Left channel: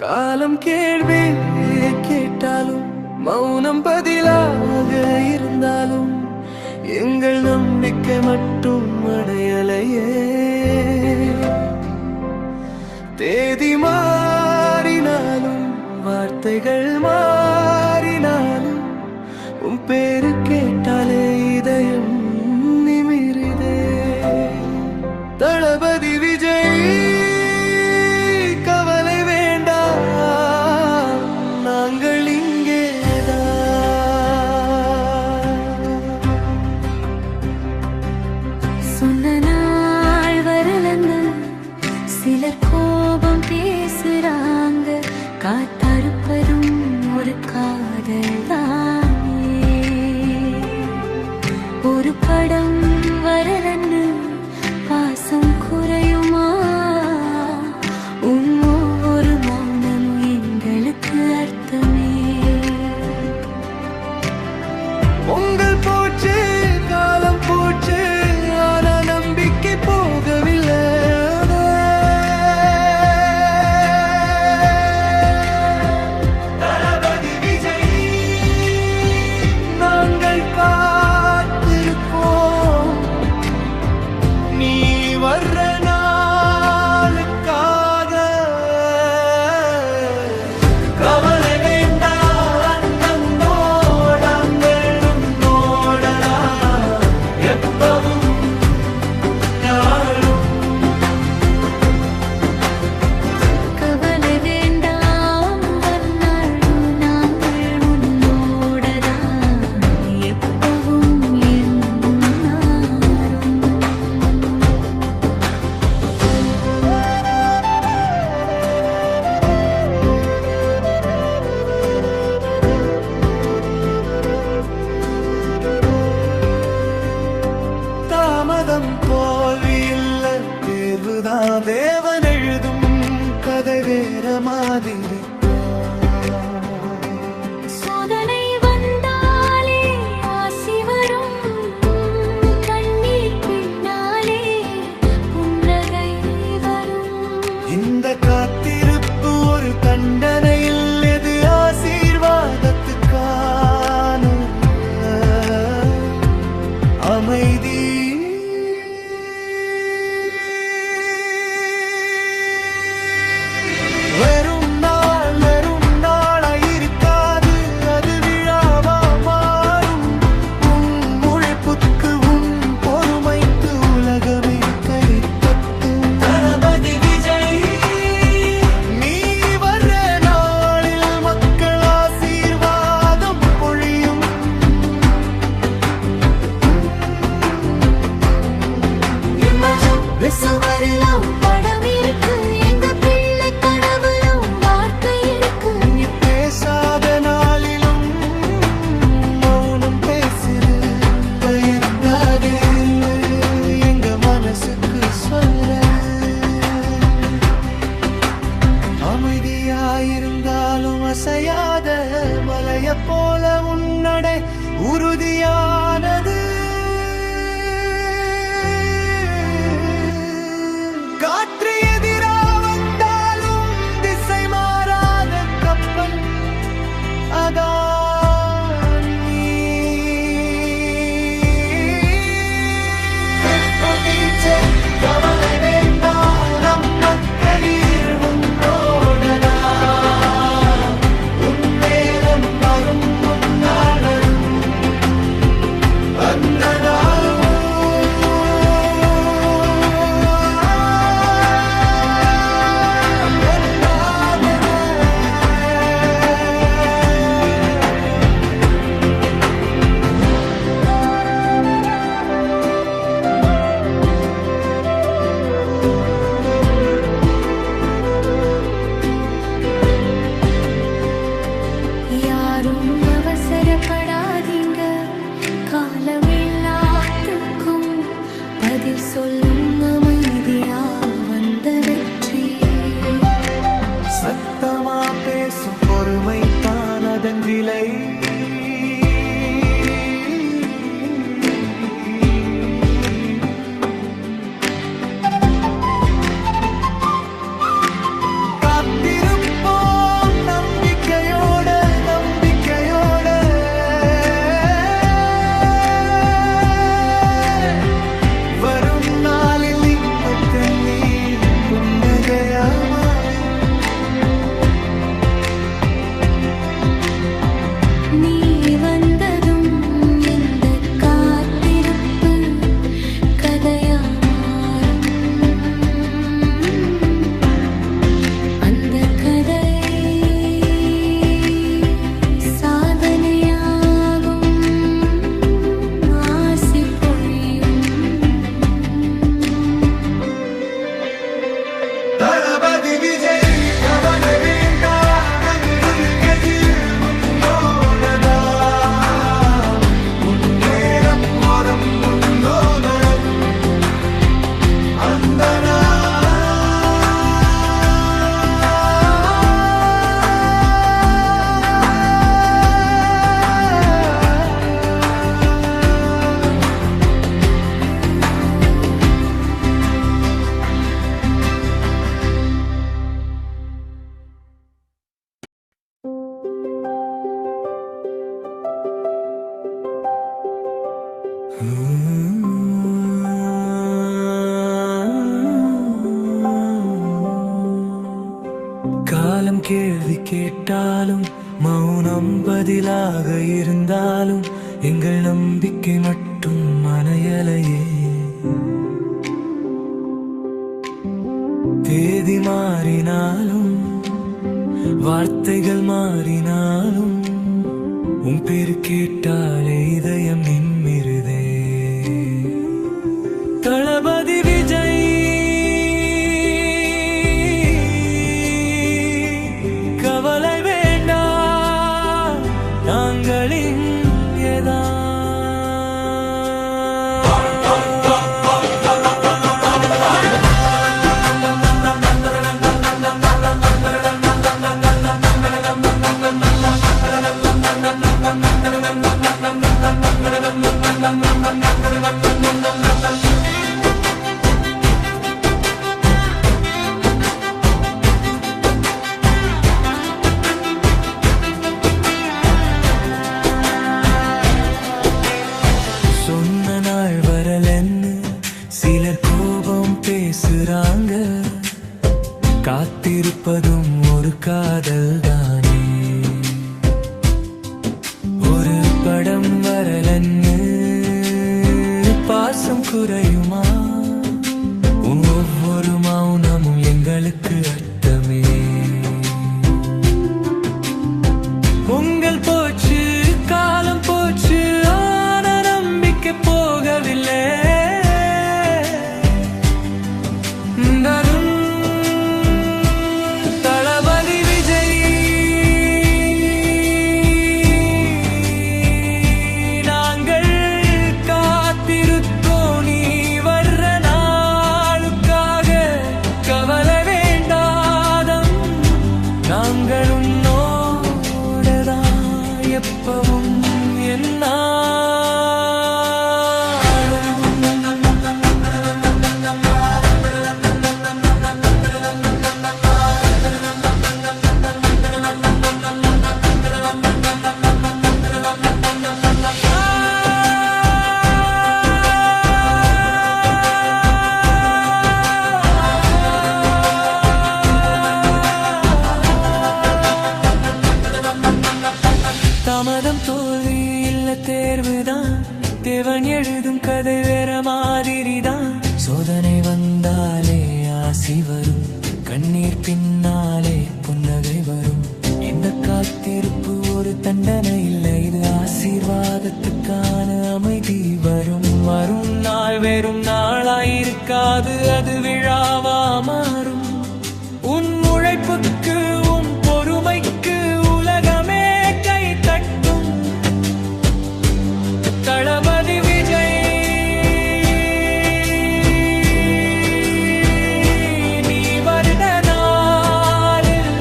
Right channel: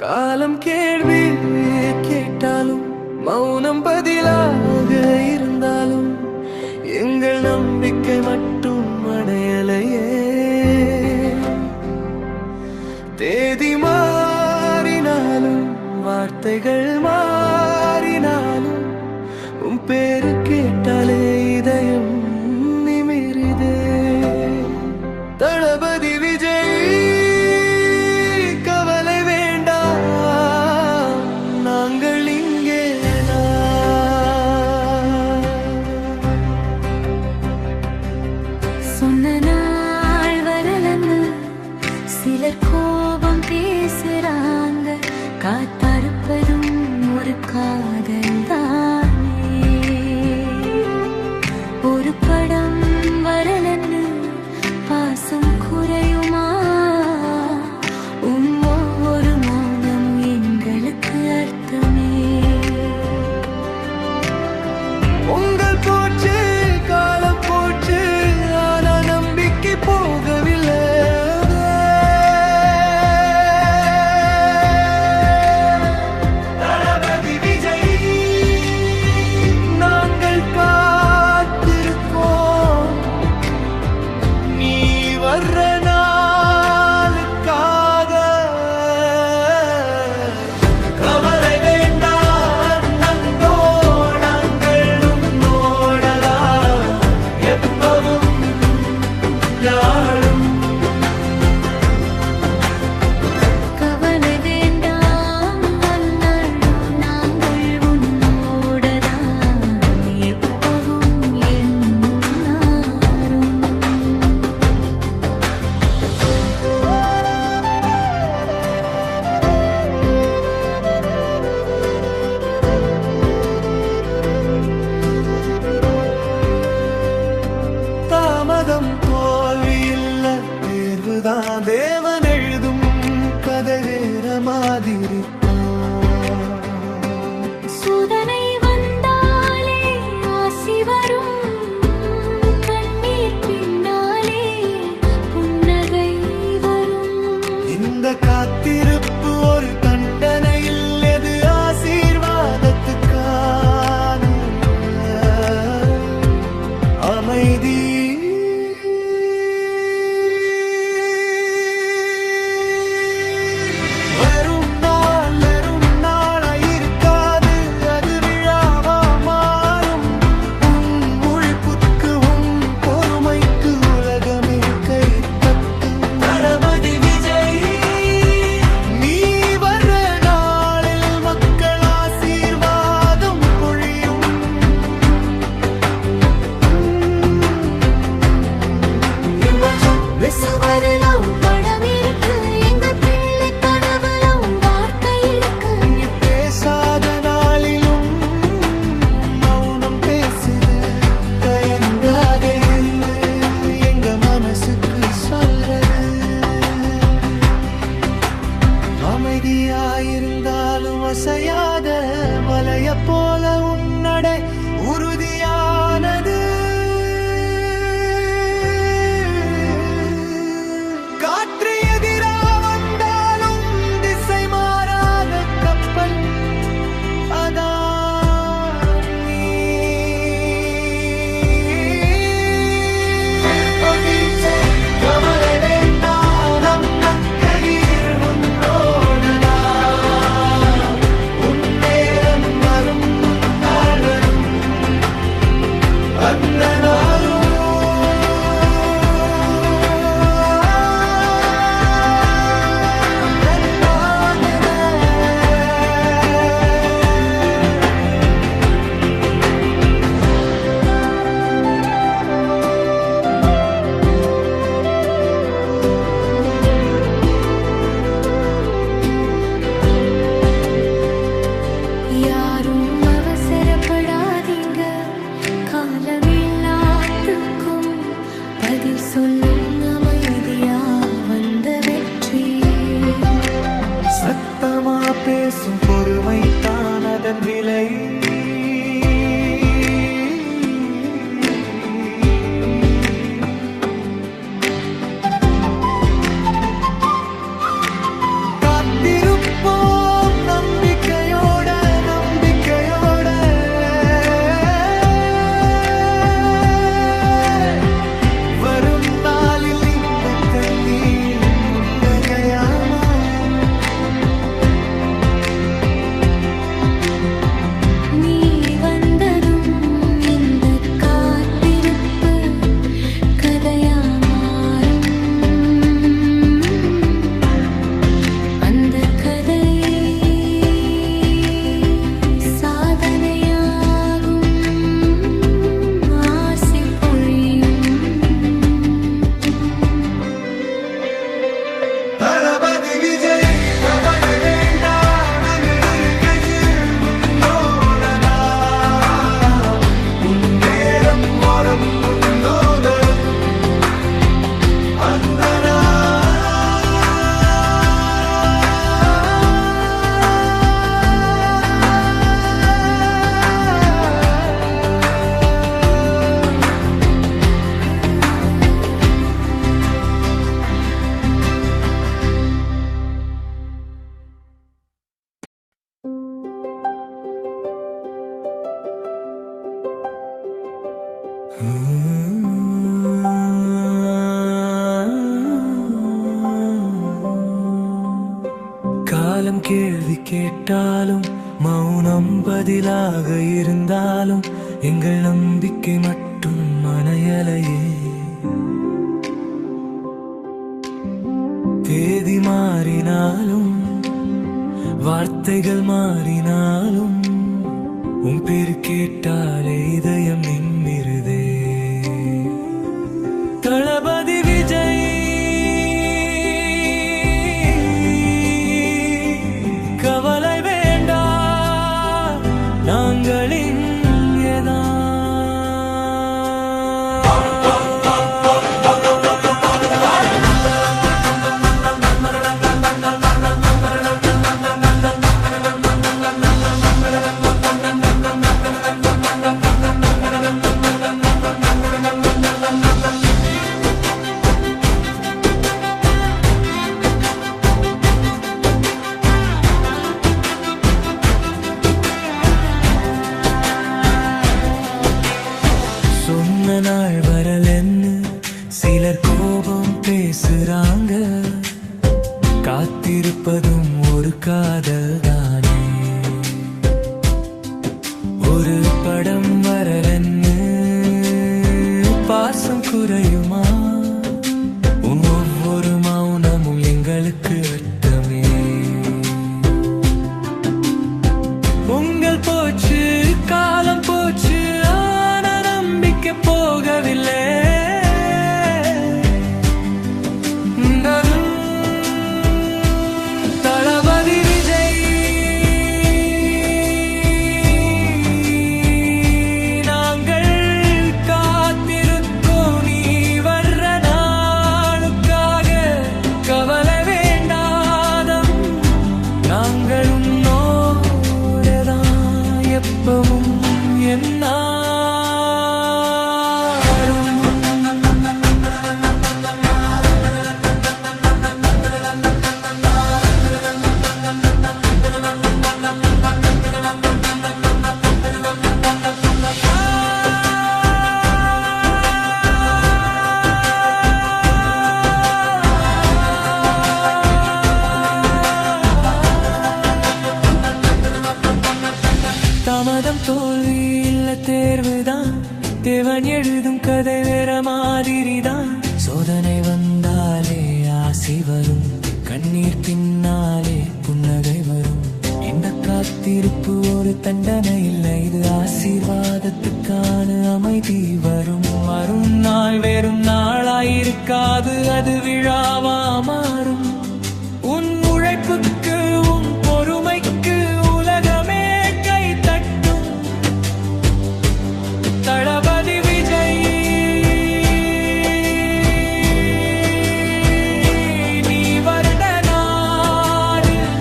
காலம் கேள்வி கேட்டாலும் மௌனம் பதிலாக இருந்தாலும் எங்கள் நம்பிக்கை மட்டும் அடையலையே. தேதி மாறினாலும் வார்த்தைகள் மாறினாலும் உன் பேரு கேட்டாலே இதயம் நிமிருதே. தளபதி விஜய் கவலை வேண்டாம், நாங்கள் இங்கேதான். சொன்ன நாள் வரலன்னு சிலர் கோபம் பேசுறாங்க, காத்தறுப்பதும் ஒரு காதல் தானே. ஒரு படம் வரலன்னு பாசம் குறையுமா? ஒவ்வொரு மௌனம் எங்களுக்கு அர்த்தமே. உங்கள் போச்சு காலம் போச்சு, ஆனா நம்பிக்கை போகவில்லை. தளபதி விஜய் நாங்கள் காத்திருக்கோம், நீ வர்ற நாளுக்காக. கவலை வேண்டாம், நன்னோடாங்கள் உன்னோடதா எப்பவும் யாழும். கவலை வேண்டாம், வந்தாலும் நாங்கள் உன்னோடதான் எப்பவும் என்னாரும். தாமதம் தோல்வி இல்ல, தேர்வுதான். தேவன் எழுதும் கதை வேற மாதிரி. சோதனை வந்தாலே ஆசி வரும், கண்ணீர் பின்னாலே புன்னகை வரும். இந்த காத்திருப்பு ஒரு தண்டனையில், எது ஆசீர்வாதத்துக்கான அமைதி. வெறும் நாளாயிருக்காது, அது விழாவா மாறும். உன் உழைப்புக்கு உன் பொறுமைக்கு உலகமே கை தட்டும். தளபதி விஜய் நீ வர்ற நாளில் மக்கள் ஆசீர்வாதம் பொழியும். சுவரிலும் படம் இருக்கு, எங்க பிள்ளை கடவுளும் வார்த்தை இருக்கு. நீ பேசாத நாளிலும் மௌனம் பேசுது, தயங்காதே எங்க மனசுக்கு சொல்றது. அமைதியாயிருந்தாலும் அசையாத மலைய போல உன்னடை உறுதியானது. காற்று எதிரா வந்தாலும் திசை மாறாத கப்பல் அதான் நீ. கவலை வேண்டாம், நம் கையில் உன்னோடதா. உன் நேரம் வரும், உன் நாள் வரும், அந்த யாரும் அவசரப்படாதீங்க, காலம் எல்லாத்துக்கும் பதில் சொல்லும் அமைதியா வந்த வெற்றி. சத்தமா பேசும் பொறுமை தான் அதன் விலை. காத்திருப்போம் நம்பிக்கையோட நம்பிக்கையோட, வரும் நாளில் இந்த கண்ணீர் புன்னகையா மாறும். நீ வந்ததும் இந்த காத்திருப்பு கதையா மாறும். அந்த கதை சாதனையாகும், ஆசி பொழியும். தளபதி விஜய் கவலை வேண்டாம், நாங்கள் கையில் உன்னோடலாம். உன் நேரம் வரும் உன்னோட அந்த காலம் கேள்வி கேட்டாலும் மௌனம் பதிலாக இருந்தாலும் எங்கள் நம்பிக்கை மட்டும் மனையலையே. தேதி மாறினாலும் வார்த்தைகள் மாறினாலும் உன் பேரு கேட்டாலே இதயம் நின்மிருதே. தளபதி விஜய் கவலை வேண்டாம், நாங்கள் இங்கேதான். சொன்ன நாள் வரலன்னு சிலர் கோபம் பேசுறாங்க, காத்திருப்பதும் ஒரு காதல் தானே. ஒரு படம் வரலன்னு பாசம் குறையுமா, உன் ஒவ்வொரு மௌனமும் எங்களுக்கு அர்த்தமே. உங்கள் போச்சு காலம் போச்சு, ஆன நம்பிக்கை போகவில்லை. தளபதி விஜய் நாங்கள் காத்திருக்கோம் நீ வர்ற நாளுக்காக. கவலை வேண்டாதம், நாங்கள் உன்னோடதான் எப்பவும் என்ன. தாமதம் தோல்வி இல்ல தேர்வுதான், தேவன் எழுதும் கதை வேற மாதிரிதான். சோதனை வந்தாலே ஆசி வரும், கண்ணீர் பின்னாலே புன்னகை வரும். இந்த காத்திருப்பு ஒரு தண்டனை இல்லை, இது ஆசீர்வாதத்துக்கான அமைதி வரும். மறும் நாள் வெறும் நாளாயிருக்காது, அது விழாவா மாறும். உன் உழைப்புக்கு உன் பொறுமைக்கு உலகமே கை தட்டும். தளபதி விஜய் நீ வருட நாளில்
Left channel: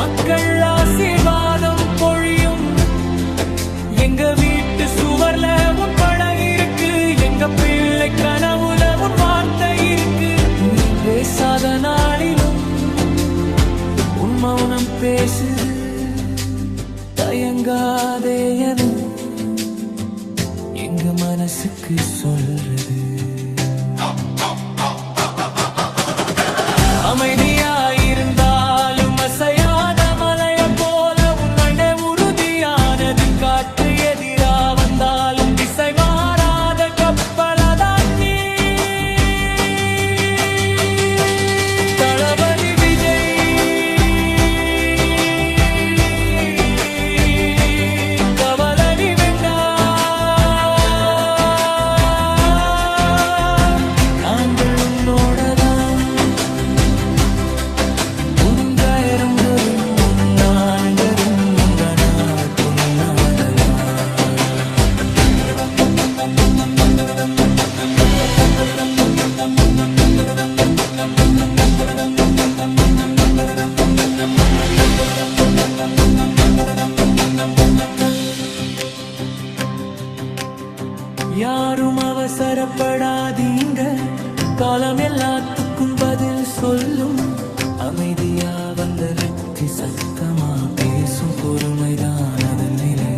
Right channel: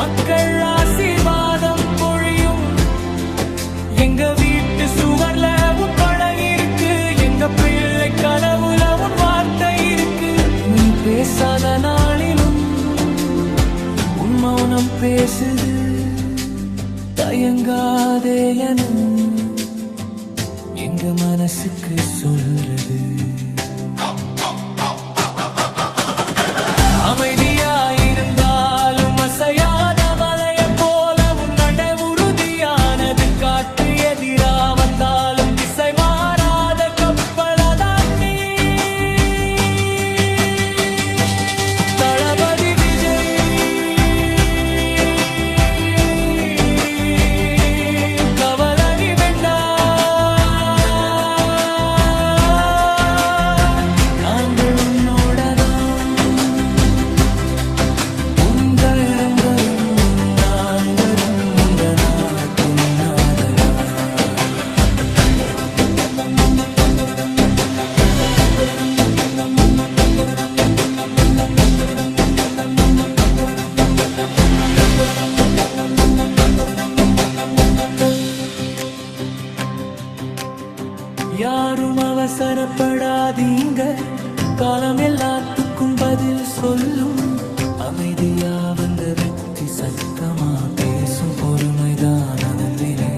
மக்கள் எங்க வீட்டு சுவர்ல உன் படம் இருக்கு, எங்க பிள்ளை கனவுல உன் வார்த்தை இருக்கு. நீ பேசாத நாளிலும் உன் மௌனம் பேசுது. தயங்காதே என எங்க மனசுக்கு சொல்றது. அமைதியாயிருந்தாலும் அசையாத மலைய போல உன்னண்டை உறுதியானது. காற்று எதிரா வந்தாலும் திசை மாறாத கப்பலதான் நீ. தளபதி விஜய் கவலனி வேண்டா, நாங்கள் உன்னோடதான். உங்கயரம் வரும் உன்னான்கரும் உந்த நாள் பொன்னாத நாள். யாரும் அவசரப்படாதீங்க, காலம் எல்லாத்துக்கும் பதில் சொல்லும். அமைதியா வந்த வெற்றி சத்தமா பேசும், பொறுமைதான் அதன் விலை.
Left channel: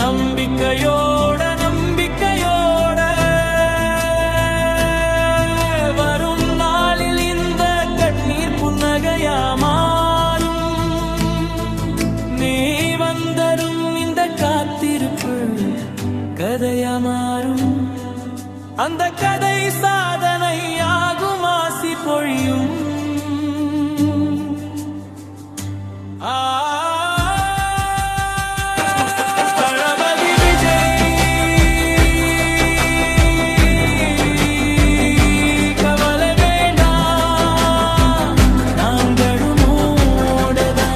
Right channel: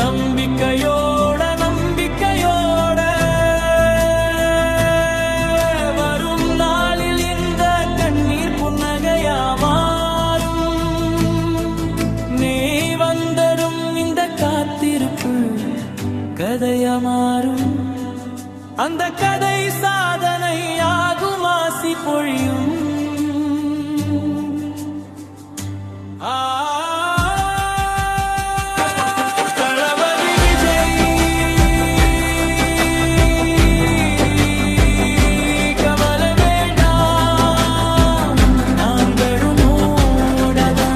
நம்பிக்கையோட நம்பிக்கையோட வரும் நாளில் இந்த கண்ணீர் புன்னகையா மாறும். நீ வந்தரும் இந்த காத்திருப்பு கதையா மாறும். அந்த கதை சாதனையாகும், ஆசி பொழியும். தளபதி விஜய் கவலை வேண்டாம், நாங்களும் ஓடதான்.